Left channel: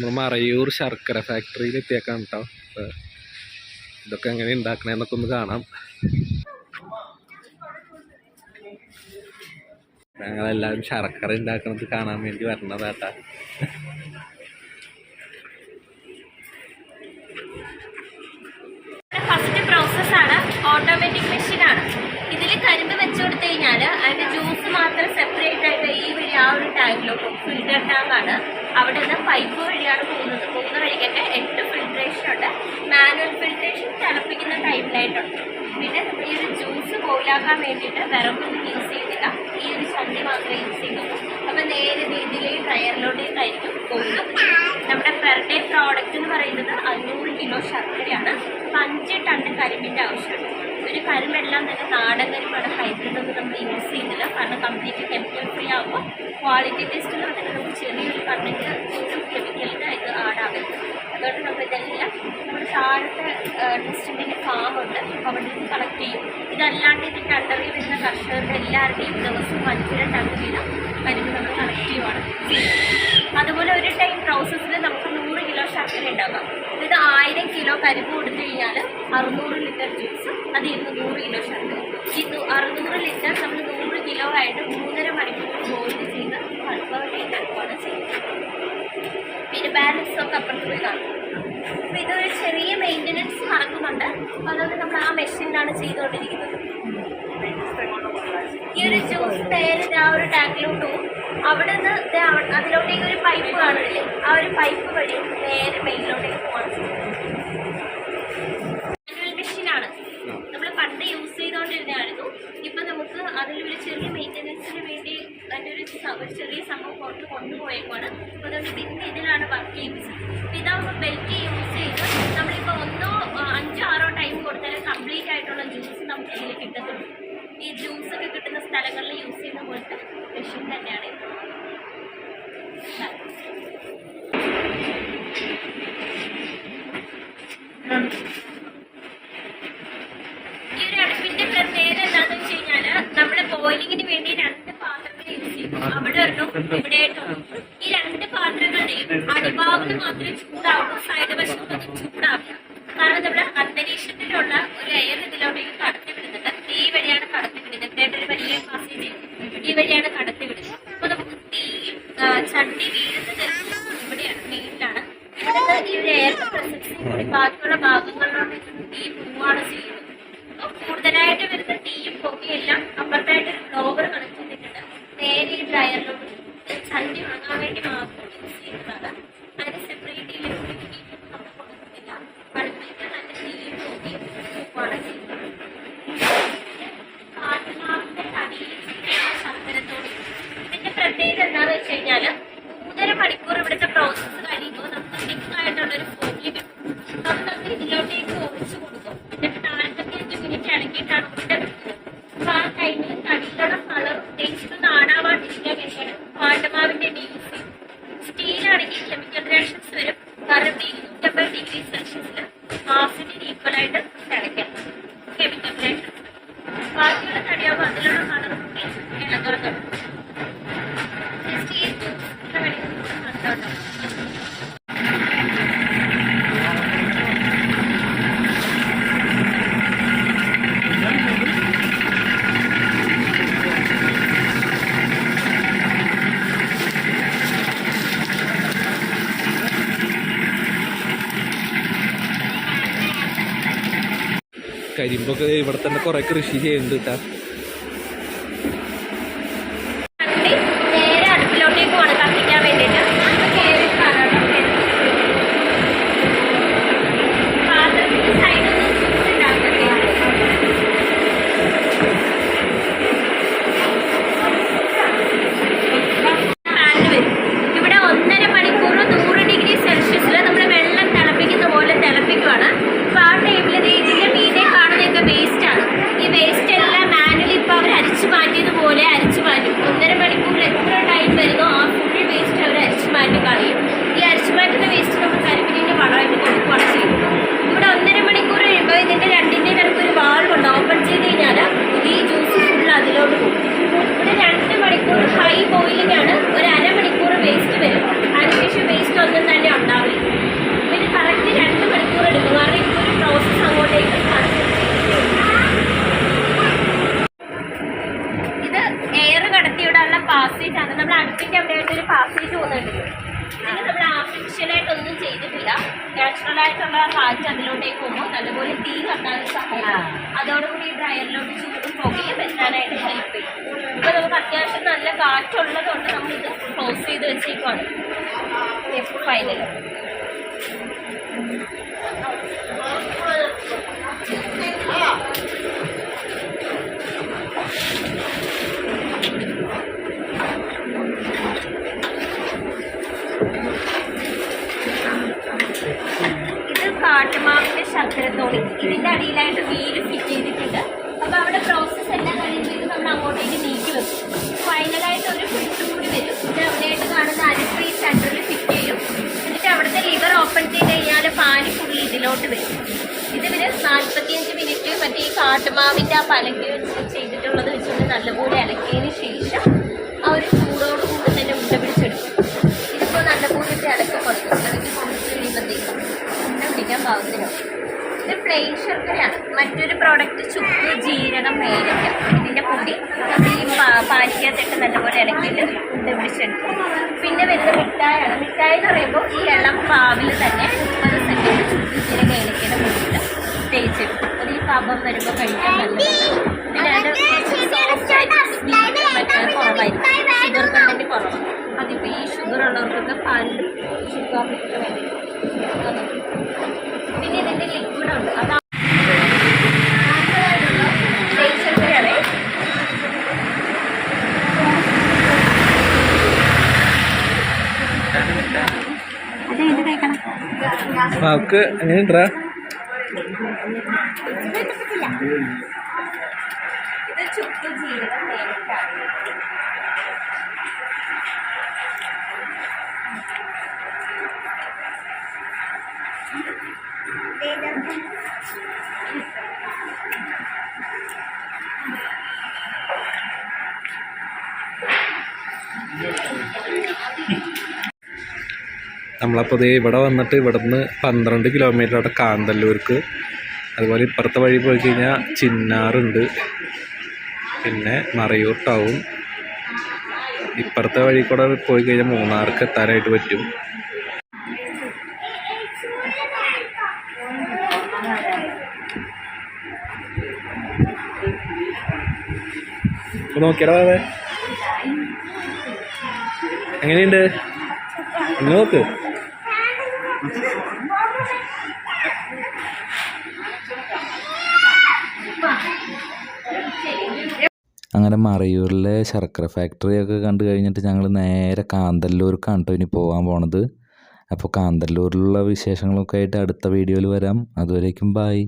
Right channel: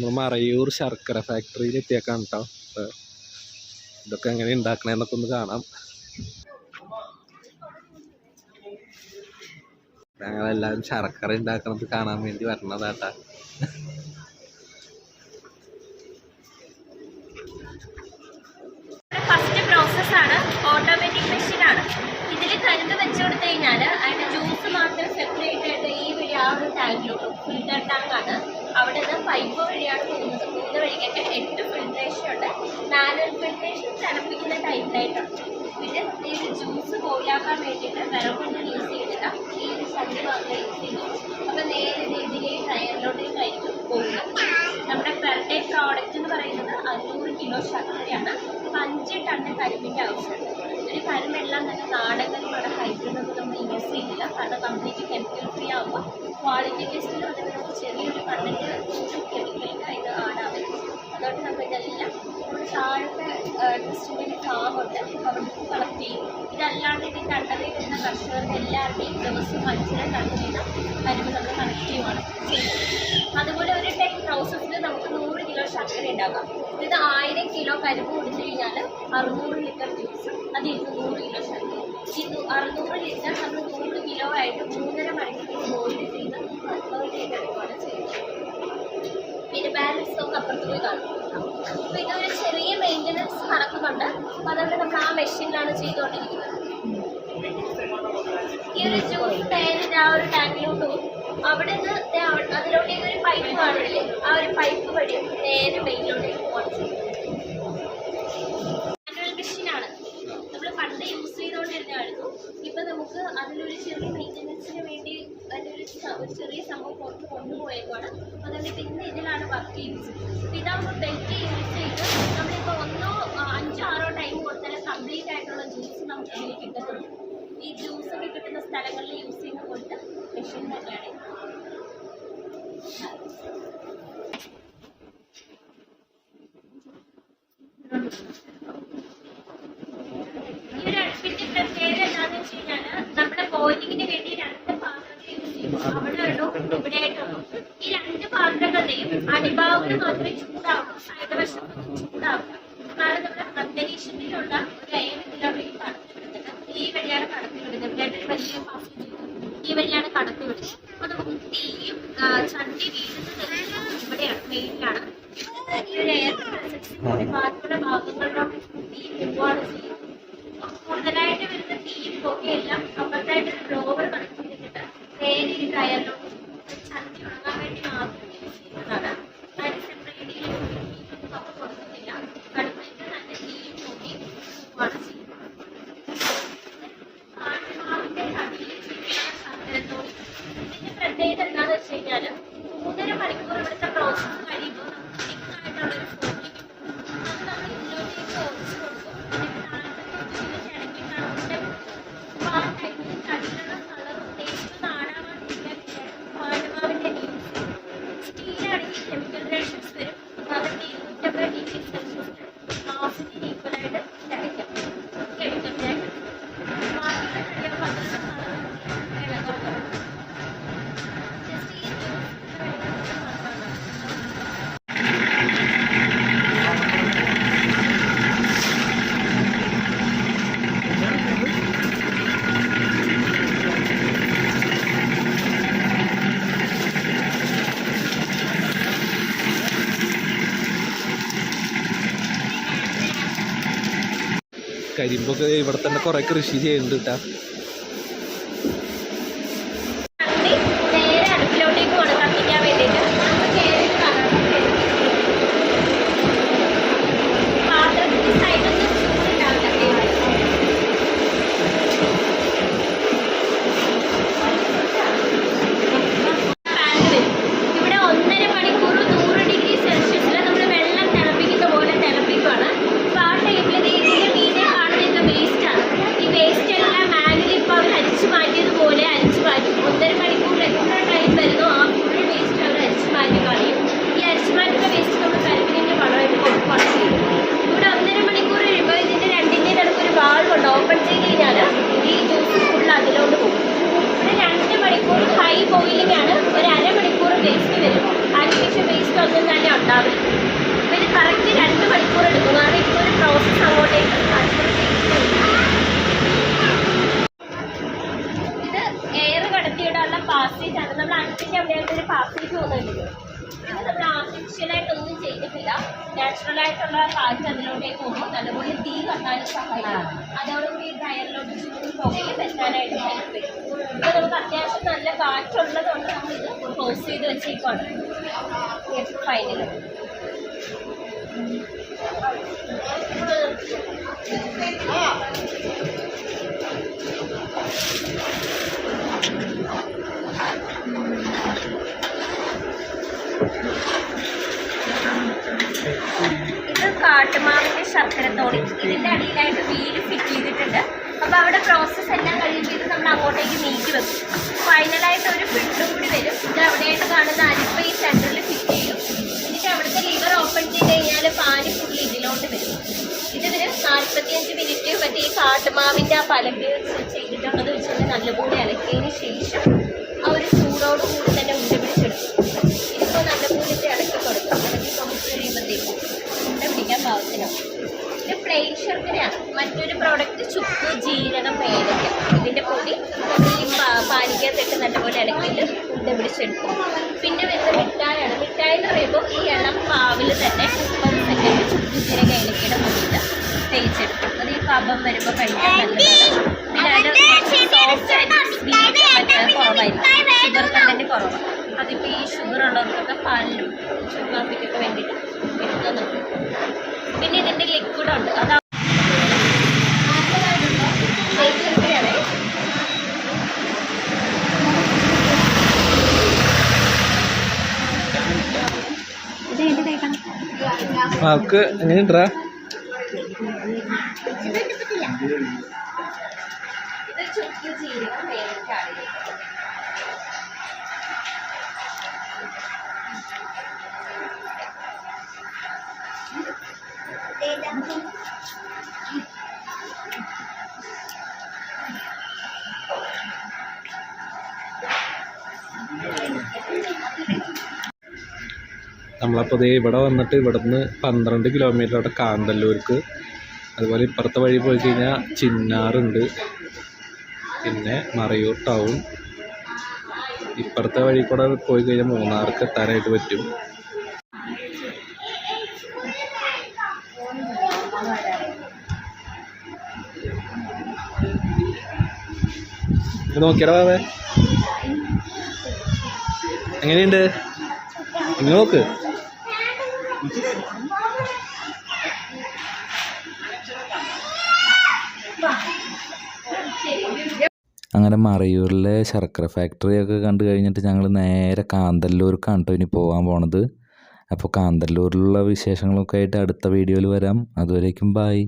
നമ്മൾ മറയൂർ ശർക്കര ഫാക്ടറിയിൽ എത്തിയേക്കാണ് കേട്ടോ ഇതൊക്കെ എങ്ങനെ ഉണ്ടാക്കണേന്നൊക്കെ ഒന്ന് കാണാം. ഞങ്ങളെല്ലാവരും ശർക്കര ഉണ്ടാക്കണത് കാണാൻ വേണ്ടി വരണതാട്ടാ. ടാങ്കിലോട്ട് ഫിൽറ്റർ ടാങ്കാണ് അവിടെ നിന്ന് പൈപ്പ് വഴിയാണ് പോകുന്നത്. പോകുന്ന വഴിക്കൊക്കെ എട്ട് ഫിൽട്രേഷൻ ഉണ്ട്. മാനുവൽ ഫിൽട്രേഷൻ തിളപ്പിക്കുന്ന ടൈപ്പിലായിട്ടുണ്ട് പിന്നെ ഈ ഒരു ജ്യൂസ് പോലാക്കാൻ വേണ്ടിയിട്ട് വിറകൊന്നും യൂസ് ചെയ്യുന്നില്ല. ഈ ഒരു സന്ധി മാത്രമേ യൂസ് ചെയ്യുന്നുള്ളൂ. അപ്പം നേരെ രീതിയിൽ ഈ ഡ്രയറിലോട്ടേക്കായിരിക്കും പോകുന്നത്. പ്രോഡക്റ്റ് എന്ന് പറയുന്നത് അഞ്ഞൂറ് കിലോ ശർക്കരയാണ്. അപ്പം അഞ്ച് ടണ്ണ് കരിമ്പിന്റെ ആവശ്യമുണ്ട്. ഒരു കരിമ്പെല്ലാം തന്നെ നാടൻ കരിമ്പാണ് ഹൈബ്രിഡ് ഒന്നും നമ്മൾ യൂസ് ചെയ്യുന്നില്ല. കാരണം കംപ്ലീറ്റ് കെമിക്കൽ ഫ്രീ ആകുമ്പോൾ ക്വാളിറ്റി ടെസ്റ്റ് എന്ന് പറഞ്ഞിട്ട് നമുക്ക് ചെറിയൊരു കണ്ണിന്റെ ഒരു കെമിക്കലിന്റെ ഇത് ആടാവരുത്. അതുകൊണ്ട് നമ്മൾ ഇതെല്ലാം നമ്മുടെ താഴത്തെ ടെസ്റ്റിന്റെ ഫാം ഉണ്ട്. അപ്പോൾ അവിടെ നിന്ന് കളക്ട് ചെയ്യും. ഇതല്ലാണ്ട് ഇതിന്റെ അണ്ടറിൽ വരുന്ന കർഷകരുടെ എല്ലാവരുടെയും ദിവസവും അഞ്ചര ടൺ വീതം കരിമ്പ് നമ്മൾ കളക്ട് ചെയ്യുവാണ്. ചെയ്യുന്നത് അതുപോലെ ഒരു ടൈം പ്രോസസ്സിൽ നമുക്ക് ശർക്കര ഉണ്ടാക്കാം ഇത് ആയിരം കിലോ കരിമ്പ് കൊടുത്തു കഴിഞ്ഞാൽ അറുന്നൂറ് ലിറ്റർ ജ്യൂസ് അത് ഇരുന്നൂറ് കിലോ ശർക്കര. ഈ അറുന്നൂറ് ലിറ്റർ നമ്മൾ നൂറ് കിലോ ആയിട്ട് മൂന്നര മണിക്കൂർ ബോയിൽ ചെയ്ത് കൺഫേം ചെയ്തെടുക്കുകയാണ് ചെയ്യുന്നത്. പിന്നെ ബാലൻസ് ഒക്കെ അപ്പുറത്ത് പോയി കാണും. അപ്പോൾ ഇതൊരു ചെറിയ മെയിന്റനൻസ് നടക്കുന്നുണ്ട്. അപ്പോൾ നമ്മൾ ആ മെഷീനിലാണ് ചെയ്തുകൊണ്ടിരിക്കുന്നത്. ഈ ഒരു ജ്യൂസ് നേരെ ആ ഒരു ടാങ്കിലോട്ട് പോകും അവിടെ നിന്ന് അതിലോട്ടേക്ക് ഒരു പൈപ്പ് കാണില്ലേ ആ ഒരു പൈപ്പ് അപ്പോൾ അതുകൊണ്ട് പിന്നെ ഇതിലാണ് വർക്ക് ചെയ്യുന്നത്. അപ്പോൾ ഇതാകുമ്പോൾ ബെൽറ്റ് യൂസ് ചെയ്ത് നമ്മളിപ്പോൾ ഒന്നോ അഞ്ചോ ആറോ ടൈം കൊടുത്താൽ കംപ്ലീറ്റ് ആയിട്ടുള്ള ജ്യൂസ് നമുക്ക് ഇതിൽ കിട്ടത്തുള്ളൂ. ഈ ജ്യൂസ് ഒക്കെ കിട്ടുന്ന സ്ഥലങ്ങളിൽ യൂസ് ചെയ്യുന്ന പോലത്തെ മെഷീൻ തന്നെയാണ്. ഈ ഒരു അടുപ്പിന്റെ പ്രത്യേകത എന്താണെന്ന് വെച്ച് കഴിഞ്ഞാൽ നമ്മുടെ ബോയിലിങ്ങിന് വേണ്ടി രണ്ട് പാത്രങ്ങൾ യൂസ് ചെയ്യും. അവിടെ ഒരെണ്ണം ഇവിടെ ആയിട്ടും ഈ രണ്ട് പാത്രങ്ങളുടെയും അടിഭാഗത്ത് മാത്രമേ ചൂടാവുള്ളൂ സൈഡ് വശത്തൊന്നും ചൂടാവില്ല കാരണം നമ്മുടെ അന്തരീക്ഷത്തിലുള്ള ഒരു എയർ ഇതിലോട്ടേക്ക് കടത്തി വിടുന്നുണ്ട്. ഈ വഴിയാണ് കടത്തി വിടുന്നത്. ഇവിടെ ഒരു വലിയ പാസേജ് ഈ വഴിയാണ് കടത്തി അപ്പൊ നമുക്ക് തീയും ചണ്ടി വീഴുന്നത് ഇവിടെയാണ് മെയിനിലാണ് ഇവിടെ ഈ ഒരു എയർ പ്രസൻസ് കൂടി ബാക്കിയുള്ള ഭാഗങ്ങളിലോട്ട് തീ പോവുകയാണ് ചെയ്യുന്നത്. കൂടുതലായിട്ട് വരുന്ന തീയും പുകയെല്ലാം അപ്പുറത്തായിട്ട് ഒരു ഗ്ലോബർ കണക്ട് ചെയ്തിട്ടുണ്ട് നേരെ ഈ ഡ്രയറിലോട്ട് ചണ്ടി ഉണങ്ങാൻ വേണ്ടി മാത്രം യൂസ് ചെയ്യുന്നതാണ് അതിന് സെപ്പറേറ്റ് ഇലക്ട്രിക് ഹീറ്റൊന്നും നമുക്ക് കൊടുക്കുന്നില്ല അടുപ്പിലേക്ക് തന്നെ തീയും പുകയും ആണ് ചെയ്യുന്നത് ആത്മാവിന്റെ തടിയിൽ ചുറ്റിയ ശർക്കരത്തോടി ഇതിന്റെ പ്രത്യേകത എന്താണെന്ന് വെച്ച് കഴിഞ്ഞാൽ മൂന്നര മണിക്കൂർ ഇവിടുത്തെ പ്രോസസ്സ് കഴിയുമ്പോൾ നമുക്ക് തിക്കായിട്ടുള്ള ഒരു ഫോമിൽ കിട്ടും അത് നമ്മൾ ഇതിലോട്ടേക്ക് ഒഴിച്ചു കൊടുക്കും എന്നിട്ട് നാൽപ്പത്തിയഞ്ച് മിനിറ്റ് ഇളക്കിയിട്ടാണ് ഉണ്ട കിട്ടുന്നത് അപ്പൊ ആ ടൈമിൽ തടിയിലുള്ള കളർ ടേസ്റ്റ് നാടാവാണ്ടിരിക്കാൻ വേണ്ടിയാണ് പാണ്ടമാവിന്റെ ഡീസ് സ്റ്റീലാണെങ്കിൽ കെമിക്കൽ റിയാക്ഷൻസ് വരും കാരണം ഇരുന്നൂറ്റമ്പത് ഡിഗ്രി സെൽഷ്യസിൽ മാസിന് ഈക്വൽ ആയിട്ട് തിളയ്ക്കണം കെമിക്കൽ റിയാക്ഷൻസ് ബാക്കിയുള്ള തടിയാകുമ്പോൾ അതിലുള്ള കളർ കൂടി ഇളകാൻ തുടങ്ങും ജസ്റ്റ് ഈ ജ്യൂസിന്റെ വെളിച്ചം മാത്രമാണ് കരിമ്പൊക്കെ ഇവിടെ തന്നെ കുറെ കൃഷി ചെയ്യുന്നുണ്ട് കേട്ടാ വണ്ടി നേരെ അടുപ്പിലോട്ടേക്ക് പോകണം കത്തിക്കാൻ വേണ്ടിയിട്ട് പാത്രത്തിന്റെ സൈഡൊന്നും ചുറ്റിട്ടാണ് പാനിൽ വരും ഇവിടെ ഒന്നര മണിക്കൂർ നൂറ് ഡിഗ്രി സെൽഷ്യസിൽ നമ്മൾ വെള്ളം തിളപ്പിക്കുന്ന പോലെ തിളപ്പിക്കുകയാണ് അപ്പോൾ ആ ടൈമിൽ ഇതിന്റെ മീതെ കാണുന്നതൊക്കെ വേസ്റ്റാണ് ഈ വേസ്റ്റ് എല്ലാം മാനുവലി സ്റ്റെപ്പിന്റെ അവിടെ ആയിട്ട് ഒരു പാസേജ് പോകുന്നുണ്ട് ഇത് നമ്മൾ ആർട്ടിഫിഷ്യൽ ആയിട്ടൊന്നും നാച്ചുറലായിട്ടുള്ള നാച്ചുറൽ ആയിട്ടുള്ള കാറ്റ് അതിലോട്ടേക്ക് പോകുമ്പോൾ നല്ലപോലെ തീ കത്താൻ സഹായിക്കും. അതോടുകൂടി ഡ്രയറിലോട്ട് ചൂടും പുകയും എത്താനായിട്ട് ഹെൽപ്പ് ചെയ്യും. ഇപ്പൊ നമുക്ക് അത്യാവശ്യം നല്ല കാറ്റുള്ളത് കൊണ്ട് നമ്മളിത് ക്ലോസ് ചെയ്ത് വെച്ചേക്കാണ് ഫൈനൽ കാട്ടുമാവിന്റെ ഇതിന്റെ അടിയിലായിട്ട് വീൽ ഫിറ്റ് ചെയ്തിട്ടുണ്ട്. അപ്പൊ അവിടെ പ്രോസസ്സ് എല്ലാം കഴിഞ്ഞിട്ട് നമ്മൾ അങ്ങോട്ടേക്ക് നീക്കി വെക്കും. ഫൈനലായിട്ട് ഒരു ഫിട്ടും കൂടി വരും. ഇത് അവിടെയായിട്ട് കാണുന്ന അരിപ്പ ഈ സെന്ററിൽ ഫിറ്റ് ചെയ്യും. എന്നിട്ട് അവിടുത്തെ ലിവർ ഓപ്പൺ ചെയ്ത് കഴിഞ്ഞാൽ പാനി ഫുള്ളി ഇതിലോട്ട് വരും. ഇത് ഇവർ നാൽപ്പത്തിയഞ്ച് മിനിറ്റ് മറ്റേ ഈ കാട്ടുമാവിന്റെ ആ പലക്ക് ചെയ്തിട്ടുള്ളത് വെച്ചിട്ട് നല്ലപോലെ ഇളക്കിയതിന് ശേഷം പ്ലെയിൻ ശർക്കരയാണ് മറ്റൊരു പ്രോഡക്റ്റ് ചുക്ക് ജീരകം ഏലക്ക ഇതിന്റെ പൊടി നമ്മൾ ഈ പാ- പാനിക്കകത്തിട്ട് നല്ലപോലെ ഇളക്കിയിട്ട് ഉണ്ട പിടിച്ചെടുക്കും. പിന്നെ വരുന്ന മിഠായാണ് മിഠായി എന്ന് പറയുമ്പോൾ ഈ ഇളം പാവിൽ തന്നെ മുപ്പത് സെക്കൻഡ് ചുക്ക് ജീരക ഏലക്കയുടെ പൊടിയിട്ട് തേച്ചെടുക്കും. അത് ഈ പാപം വരുമ്പോൾ കഴിക്കാൻ നല്ലതാണ്. പിന്നെ അതിന്റെ സോഫ്റ്റ് ആയിട്ട് കുറവായിരിക്കും. ഷുഗർ കണ്ടന്റ് കുറവാണ്. അതിപ്പോൾ ഈ ഷുഗർ ഉള്ളവർക്കൊക്കെ പാലിലും ഷുഗർ കാപ്പിക്കൊക്കെ വേണ്ടിയിട്ട് എടുക്കുന്നുണ്ട് പിന്നെ ഇതിന്റെ ലിക്വിഡ് ഉണ്ട്. അതാണ് അവൾക്ക് എങ്ങനെയുണ്ടാ? ഇത് ചുക്ക് ജീരകം വേവിക്കാണ് നമ്മളപ്പോൾ ദേ ഇവിടെ വന്നിട്ട് ഇവിടുന്ന് പന്ത്രണ്ട് കിലോമീറ്റർ അവിടെ കാന്തല്ലൂർക്ക്. അതുപോലെ ഇപ്പുറത്തെ വഴി പോയി കഴിഞ്ഞാൽ ചിന്നാറുണ്ട്. പിന്നെ മറയൂർ ടൗൺ ഇപ്പുറത്തെ വഴി കൂടെ പോയി കഴിഞ്ഞാൽ മൂന്നാർക്ക് എത്താനായിട്ട് പറ്റും. നോക്കിയടാ അതെ എങ്ങനെയുണ്ട്? നോക്ക്. അങ്ങനെ മറയൂരിലെ ശർക്കര ഫാക്ടറിയൊക്കെ കണ്ടു കഴിഞ്ഞിട്ട് ഞങ്ങൾ നേരെ കാന്തല്ലൂർക്കാണ് കേട്ടോ ഇനി പോകാൻ പോണത്. അപ്പോൾ കാന്തല്ലൂരിലുള്ള വിശേഷങ്ങളൊക്കെ ആയിട്ട് അടുത്ത വീഡിയോയിൽ വരാം. അതുവരേക്കും ബായ്